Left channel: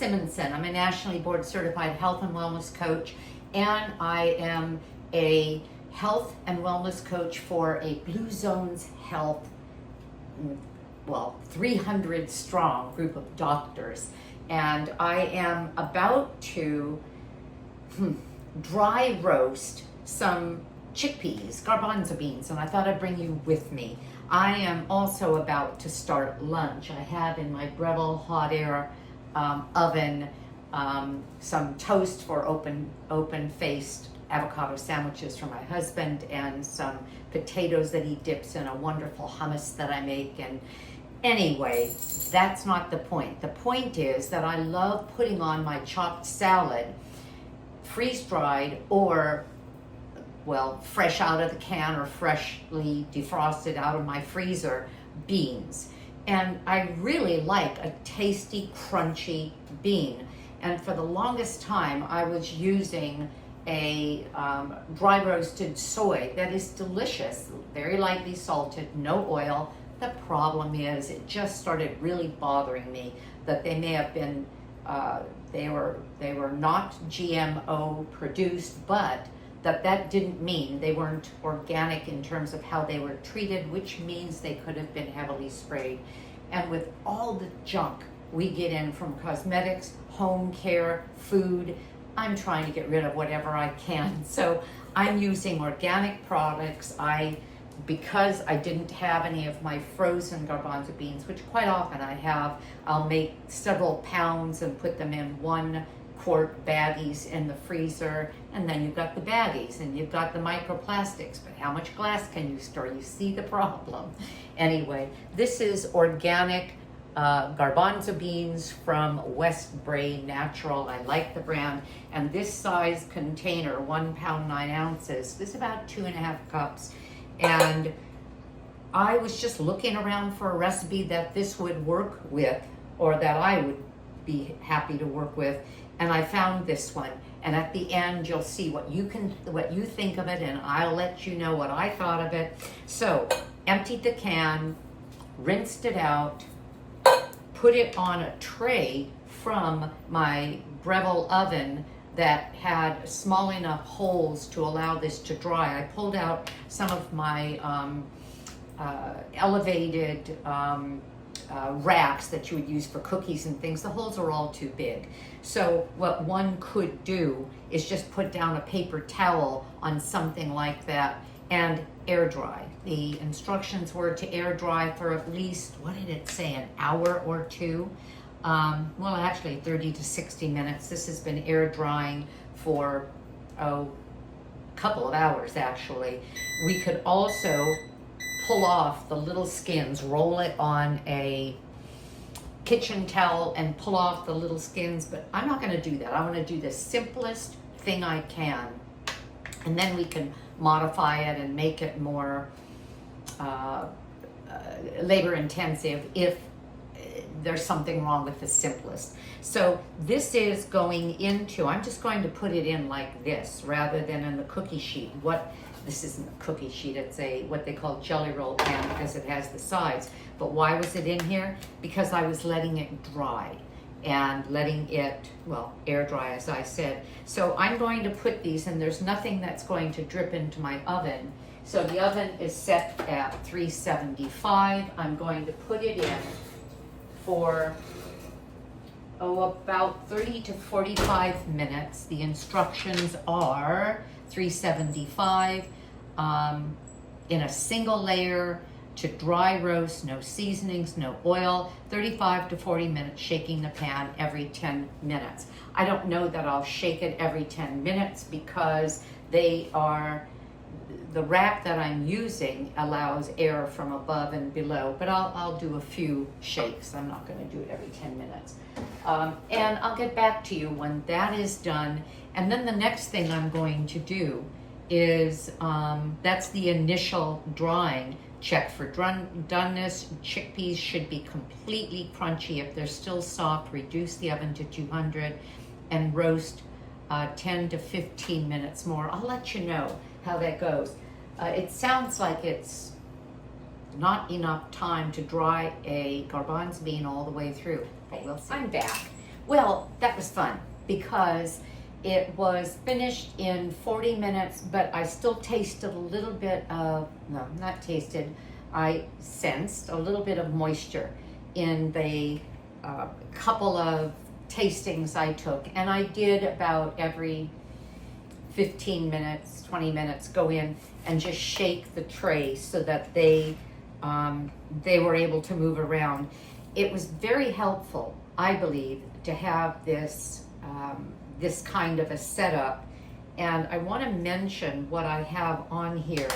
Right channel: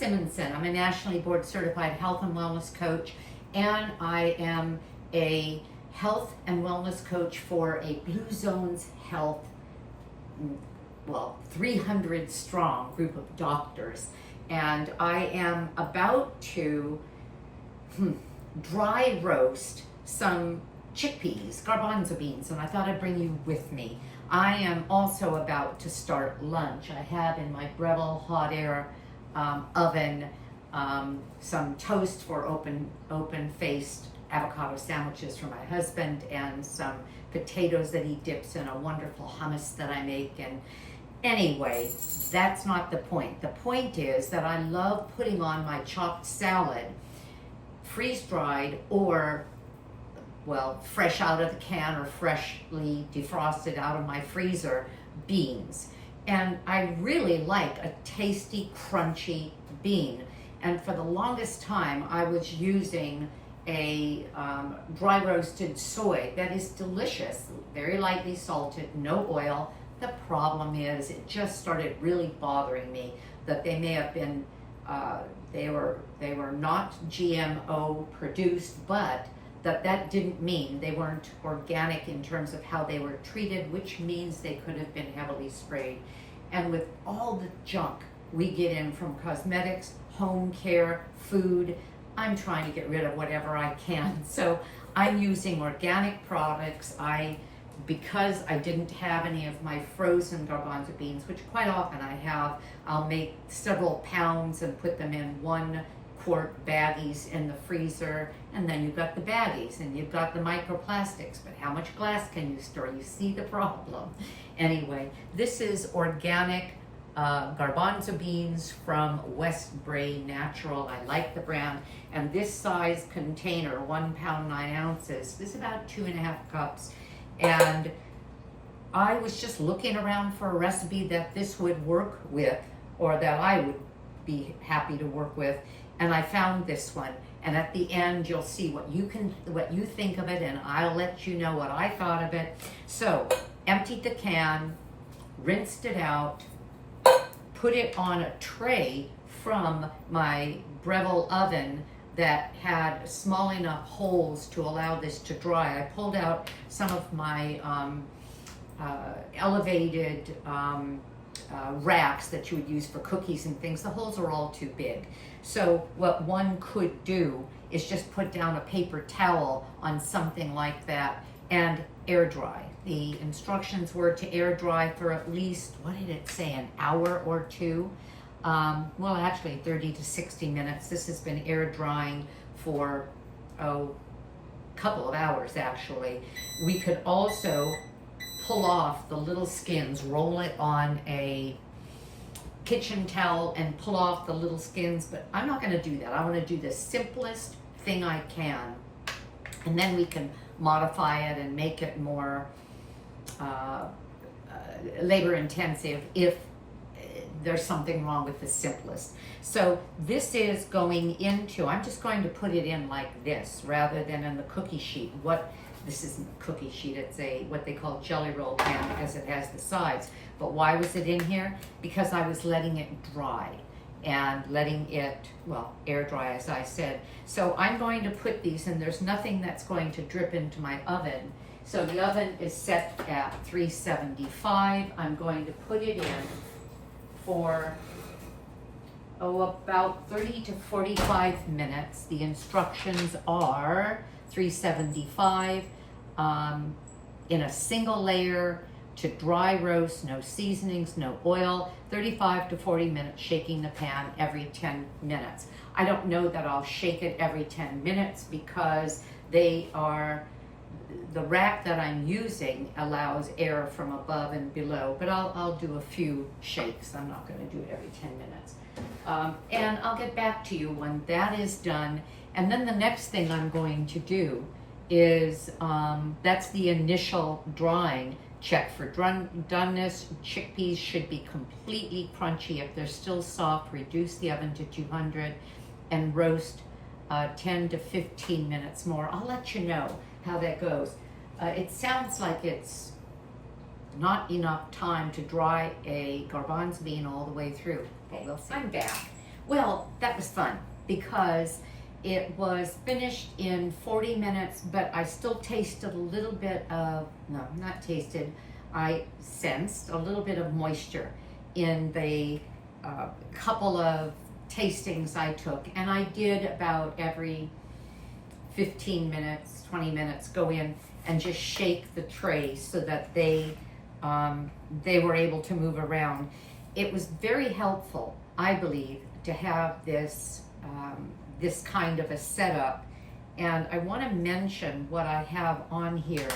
Simonsen. I'm a nationally board certified health and wellness coach, and I am a health and wellness coach for a Blue Zones Health, 300 strong group of doctors. And I am about to dry roast some chickpeas, garbanzo beans, and I thought I'd bring you with me. I am also about to start lunch. I have in my Breville hot air oven some toast for open-faced avocado sandwiches for my husband, and some potatoes that he dips in a wonderful hummus that I make. And anyway, that's not the point. The point is that I love putting on my chopped salad, freeze-dried or fresh out of the can or freshly defrosted out of my freezer beans. And I really like a tasty, crunchy bean. And for the longest time, I was using a dry roasted soy that is delicious, very lightly salted, no oil. The problem is it just started really bothering me that they may have been, they were not GMO produced, but that didn't mean they weren't organic in terms of how they were treated, which means they could have been heavily sprayed. And with all the junk we get in from cosmetics, home care, food, I'm trying to get rid of whatever I can. So I'm using organic products. Because I didn't have any of my frozen garbanzo beans, which quite often I have, I'll make several pounds and put them in 1-quart baggies in the freezer, and then you've got the baggies and you've got the microplastics, but how much glass can you store? You see the problem. Anyway, this is organic garbanzo beans from West Bray Natural. I like the brand, and this size container, 1 pound 9 ounces, is about 2.5 cups. And I was just looking around for a recipe that this would work with, or that I would be happy to work with, and I found this one. And at the end, you'll see what you think of it, and I'll let you know what I thought of it. So, emptied the can, rinsed it out, put it on a tray from my Breville oven that had small enough holes to allow this to dry. I pulled out some of my elevated racks that you would use for cookies and things. The holes are all too big. So what one could do is just put down a paper towel on something like that and air dry. The instructions were to air dry for at least, what did it say, an hour or two? Actually 30 to 60 minutes. This has been air drying for a couple of hours actually. We could also pull off the little skins, roll it on a kitchen towel and pull off the little skins, but I'm not going to do that. I want to do the simplest thing I can, and then we can modify it and make it more labor intensive if there's something wrong with the simplest. So this is going into, I'm just going to put it in like this rather than in the cookie sheet. This isn't a cookie sheet, it's what they call jelly roll pan because it has the sides. But why was it in here? Because I was letting it dry and letting it, air dry, as I said. So I'm going to put these, and there's nothing that's going to drip into my oven. So the oven is set at 375. I'm going to put it in for about 30 to 45 minutes. The instructions are 375 in a single layer to dry roast, no seasonings, no oil, 35 to 40 minutes, shaking the pan every 10 minutes. I don't know that I'll shake it every 10 minutes because the rack that I'm using allows air from above and below, but I'll do a few shakes. I'm not going to do it every 10 minutes. And I'll get back to you when that is done. And then the next thing I'm going to do is, that's the initial drying. Check for doneness. Chickpeas should be completely crunchy. If they're still soft, reduce the oven to 200 and roast 10 to 15 minutes more. I'll let you know how that goes. It sounds like it's not enough time to dry a garbanzo bean all the way through, but we'll see. I'm back. Well, that was fun because it was finished in 40 minutes, but I still tasted a little bit of, no, not tasted, I sensed a little bit of moisture in the couple of tastings I took. And I did about every 15 minutes, 20 minutes, go in and just shake the tray so that they were able to move around. It was very helpful, I believe, to have this this kind of a setup. And I want to mention what I have on here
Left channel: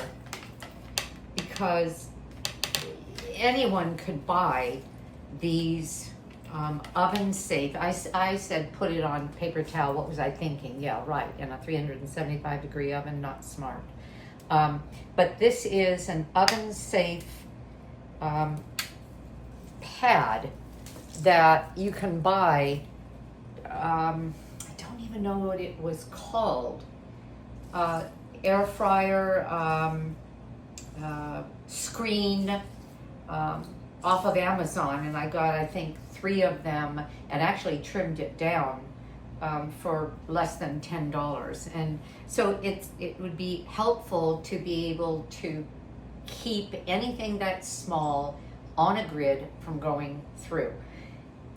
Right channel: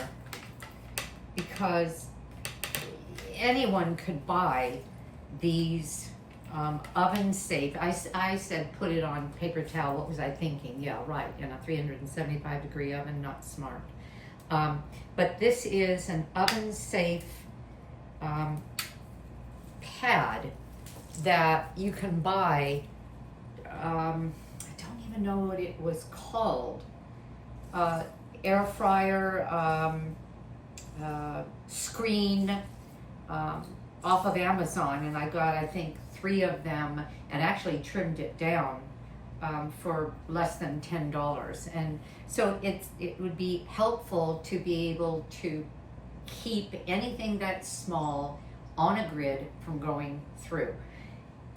because anyone could buy these oven safe. I said put it on paper towel. What was I thinking? Yeah, right, in a 375 degree oven, not smart. But this is an oven safe pad that you can buy. I don't even know what it was called. Air fryer screen off of Amazon, and I got, I think, 3 of them, and actually trimmed it down for less than $10. And so it would be helpful to be able to keep anything that's small on a grid from going through.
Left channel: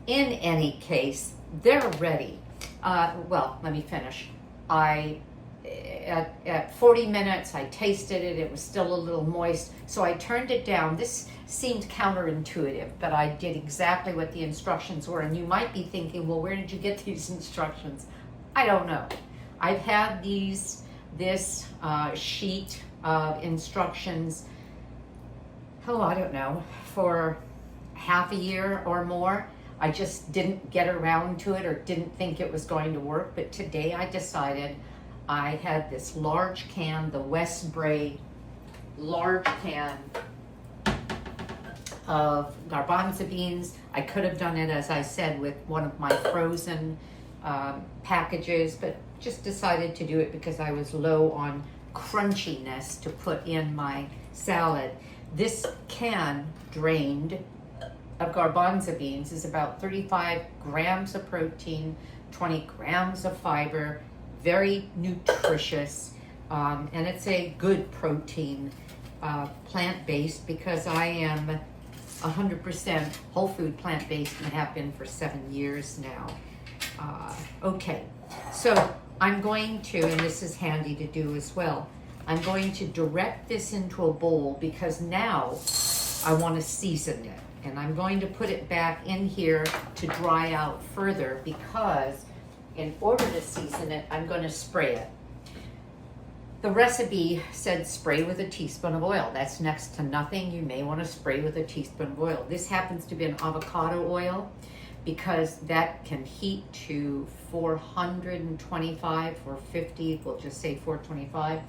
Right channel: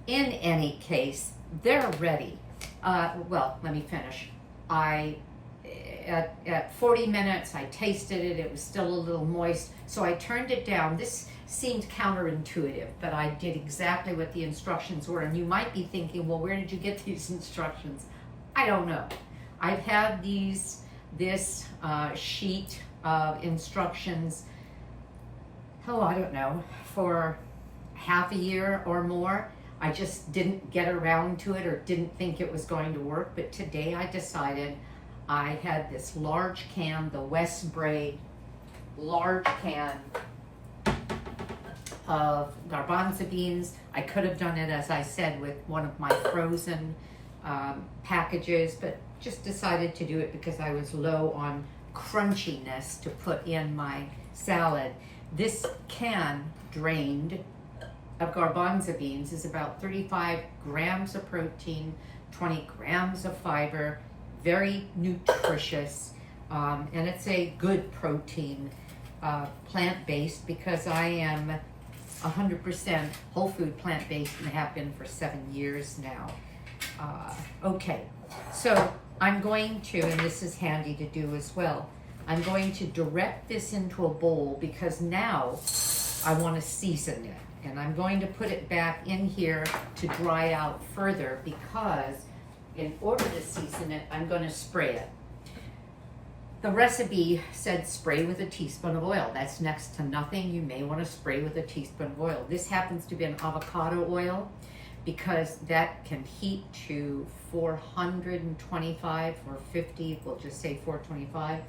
In any case, they're ready. Well, let me finish. At 40 minutes, I tasted it. It was still a little moist, so I turned it down. This seemed counterintuitive, but I did exactly what the instructions were. And you might be thinking, well, where did you get these instructions? I don't know. I've had this sheet of instructions, I don't know, for half a year or more. I just didn't get around to it or didn't think it was going to work. But today I decided. I had this large can, the West Bray large can of garbanzo beans. I could have done it, as I said, with one of my frozen packages, but just decided to do it because I was low on crunchiness to put in my salad. This can, drained, of garbanzo beans is about 35 grams of protein, 20 grams of fiber, very nutritious, and it's a good protein, plant-based, because I am 100% whole food plant-based and have been for 7 years now. Okay, so I'm going to, and this is handy to do as well, I'm going to direct this into a bowl because now I want to season it. And I'm going to put it back in here to dry out further because in order to season it, I'm going to spray it. The recipe said spray with a teaspoon of oil. That's next to nothing. You may want to spray with a teaspoon of oil. This happens to be an avocado oil because that can heat to 425 or 50, we'll just say 425.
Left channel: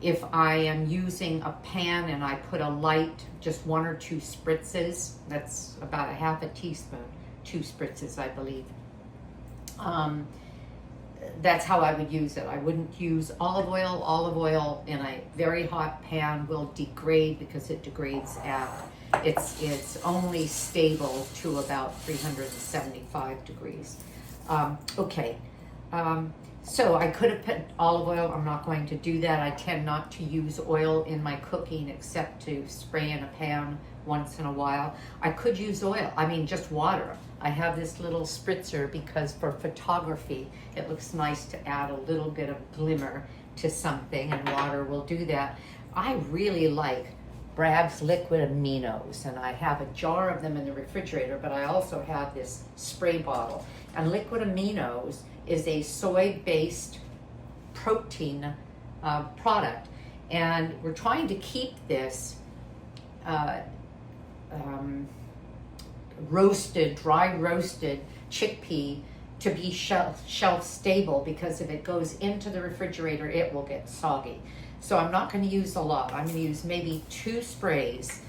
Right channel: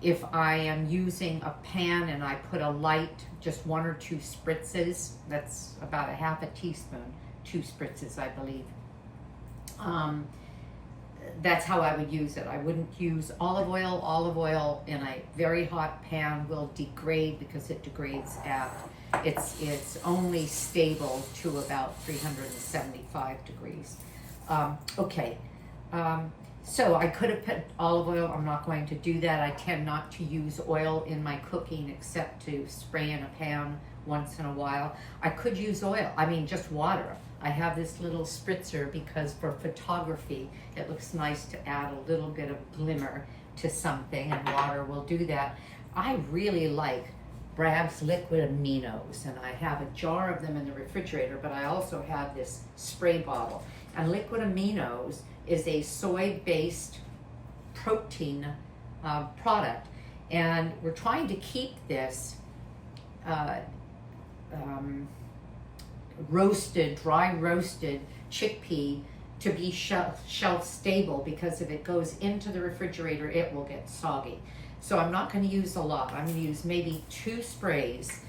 If I am using a pan and I put a light, just 1 or 2 spritzes, that's about a half a teaspoon, 2 spritzes, I believe. That's how I would use it. I wouldn't use olive oil. Olive oil in a very hot pan will degrade because it degrades at, it's only stable to about 375 degrees. Okay. So I could have put olive oil. I'm not going to do that. I tend not to use oil in my cooking except to spray in a pan once in a while. I could use oil, just water. I have this little spritzer because for photography, it looks nice to add a little bit of glimmer to something, and water will do that. I really like Bragg's liquid aminos, and I have a jar of them in the refrigerator, but I also have this spray bottle. And liquid aminos is a soy-based protein product, and we're trying to keep this dry roasted chickpea to be shelf stable, because if it goes into the refrigerator, it will get soggy. So I'm not going to use a lot. I'm going to use maybe 2 sprays,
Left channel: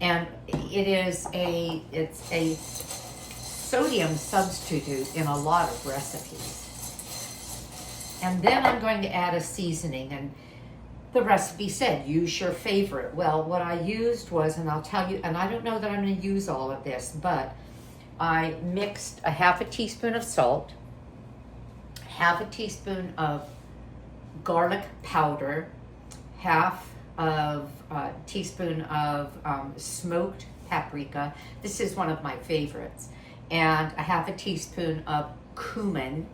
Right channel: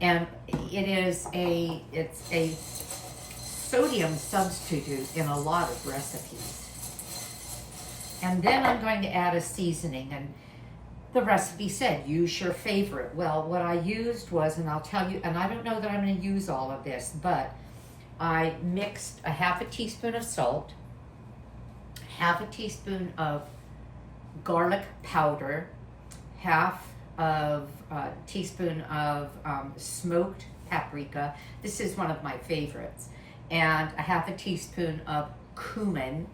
and it's a sodium substitute in a lot of recipes. And then I'm going to add a seasoning, and the recipe said use your favorite. Well, what I used was, and I'll tell you, and I don't know that I'm going to use all of this, but I mixed a half a teaspoon of salt, half a teaspoon of garlic powder, half of a teaspoon of smoked paprika. This is one of my favorites. And a half a teaspoon of cumin.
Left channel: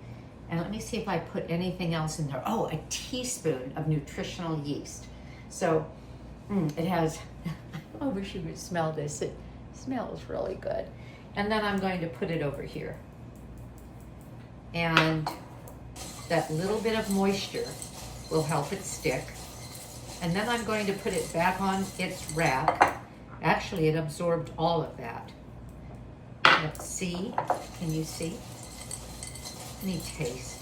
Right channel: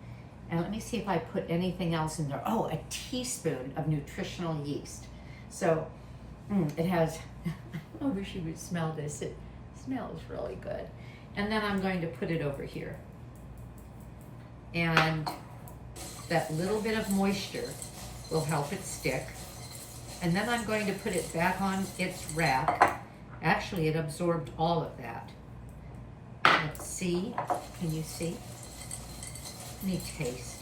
And let me see if I put anything else in there. Oh, a teaspoon of nutritional yeast. So it has, I wish you could smell this. It smells really good. And then I'm going to put it over here. And that little bit of moisture will help it stick. And then I'm going to put it back on its rack. Actually, it absorbed all of that. Let's see. Can you see? Let me taste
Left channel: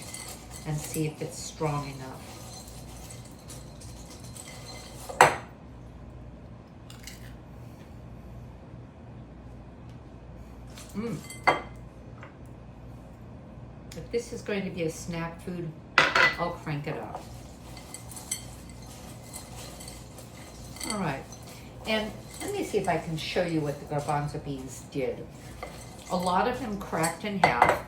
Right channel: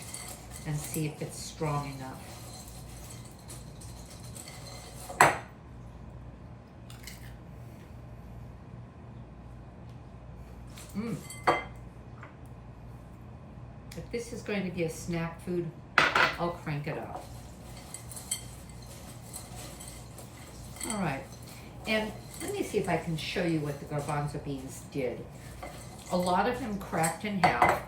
and see if it's strong enough. If this is going to be a snack food, I'll crank it up. All right, and let me see if I can show you what the garbanzo beans did. A lot of them cracked in half.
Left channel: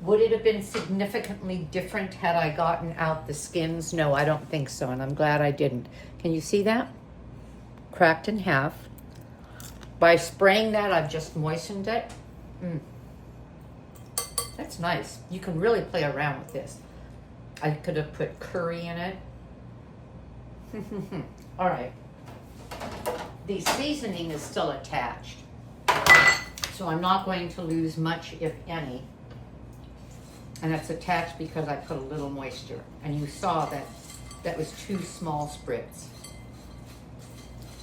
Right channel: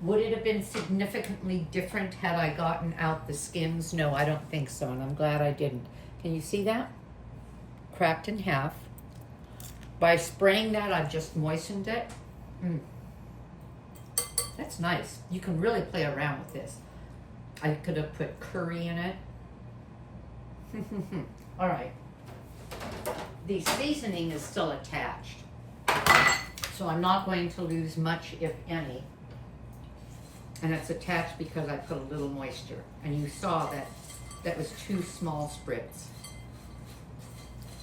Would it have been significantly different had I gotten out the skins? No, I don't think so, and I'm glad I didn't. Can you see that? Cracked in half. By spraying that, I've just moistened it. That's nice. You can really play around with this. I could have put curry in it. All right. The seasoning is still attached, so I'm not going to lose much, if any. And it's attached because I put a little moisture. And you saw that that was 2 small spritz.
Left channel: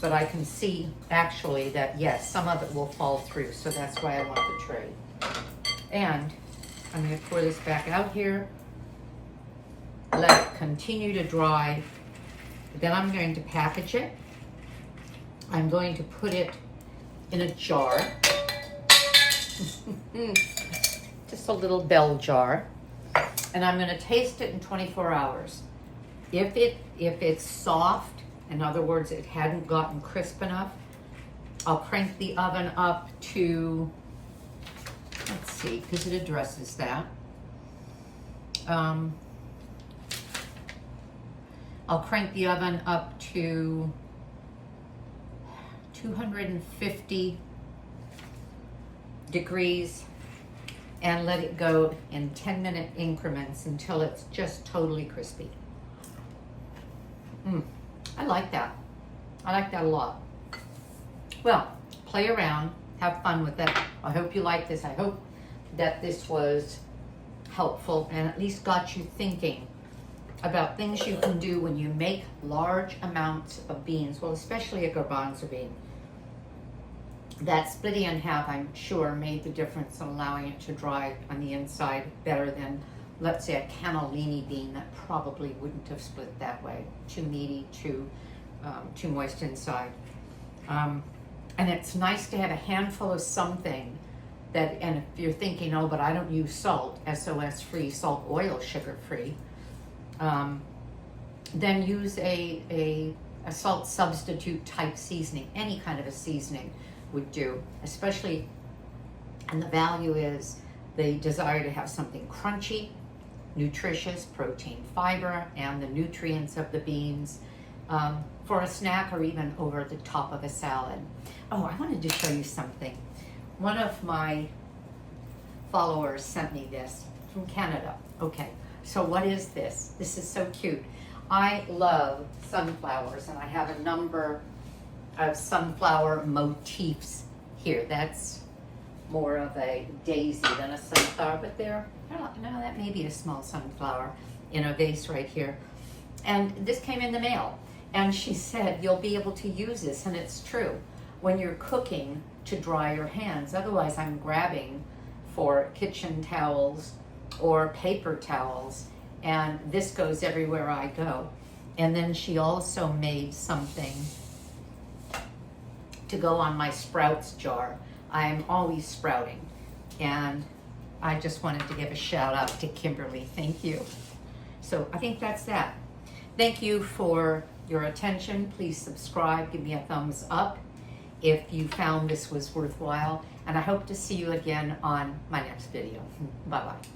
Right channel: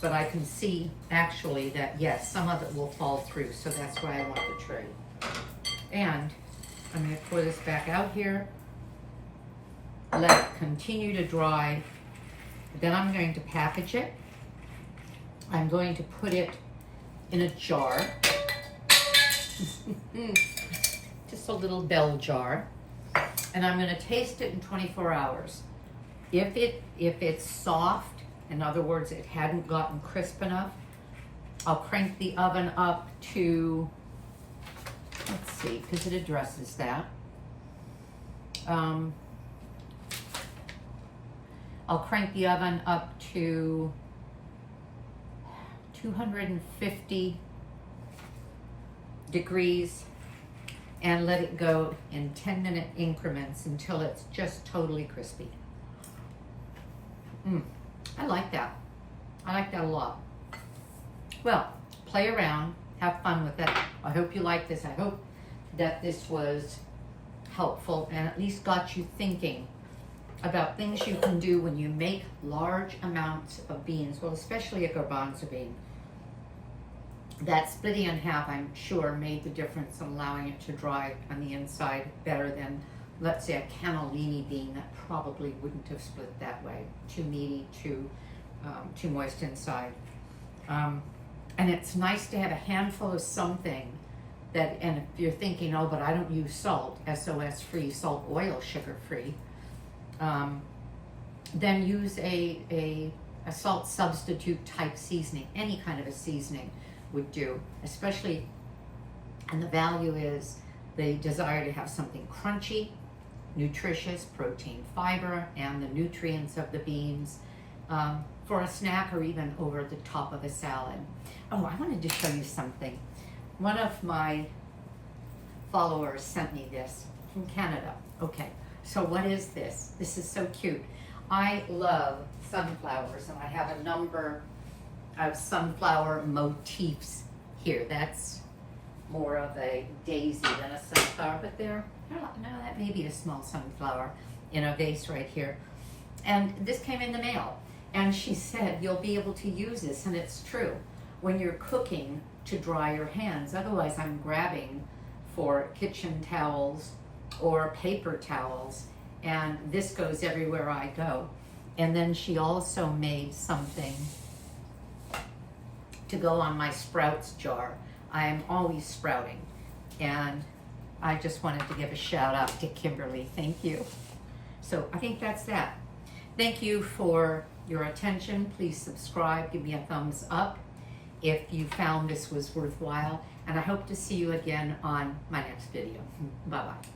But I can see actually that, yes, some of it will fall through, so that's why I want the tray. And I'm going to pour this back out here, let it continue to dry. Then I'm going to package it. I'm going to put it in a jar, just a little bell jar, and I'm going to taste it in 24 hours. If it's soft, in other words, it hadn't gotten crisp enough, I'll crank the oven up to, let's see, because it addresses that. I'll crank the oven up to 250 degrees and let it go in 10-minute increments until it's just totally crispy. I like that. I like that a lot. Well, play around, have fun with it. I hope you like this. I hope that this was helpful and at least got you thinking about things you can do when you make large amounts of beans, well, especially a garbanzo bean. That splitting in half, I'm sure, made the difference in allowing it to dry on the inside better than, let's say, a cannellini bean that probably wouldn't have split that way. Too meaty, too moist inside. And it's nice to have a handful of something that, and if you're thinking, oh, but I don't use salt, SOS free, salt, oil, sugar free, then use a salt substitute type seasoning. Any kind of a seasoning would do, especially, and the value is the desire to have something crunchy, nutritious, protein, fiber, and the nutrients of the beans for a snack or even over the top of a salad. Oh, I wanted to show you something. One of my followers sent me this from Canada. Okay, so what is this? This is so cute. I love sunflowers, and I have a number of sunflower motifs here. That's more of a daisy than a sunflower, but there, no, that may be a small sunflower in a vase right here. And this came in the mail, and she said, you'll be able to use this, and it's true, when you're cooking to dry your hands. Otherwise, I'm grabbing for kitchen towels or paper towels, and this goes everywhere I go. And then she also made something to go on my sprouts jar. I'm always sprouting, and I just wanted to give a shout out to Kimberly. Thank you. So I think that's that. Thank you for your attention. Please subscribe, give me a thumbs up, if you found this was worthwhile, and I hope to see you again on my next video. Bye-bye.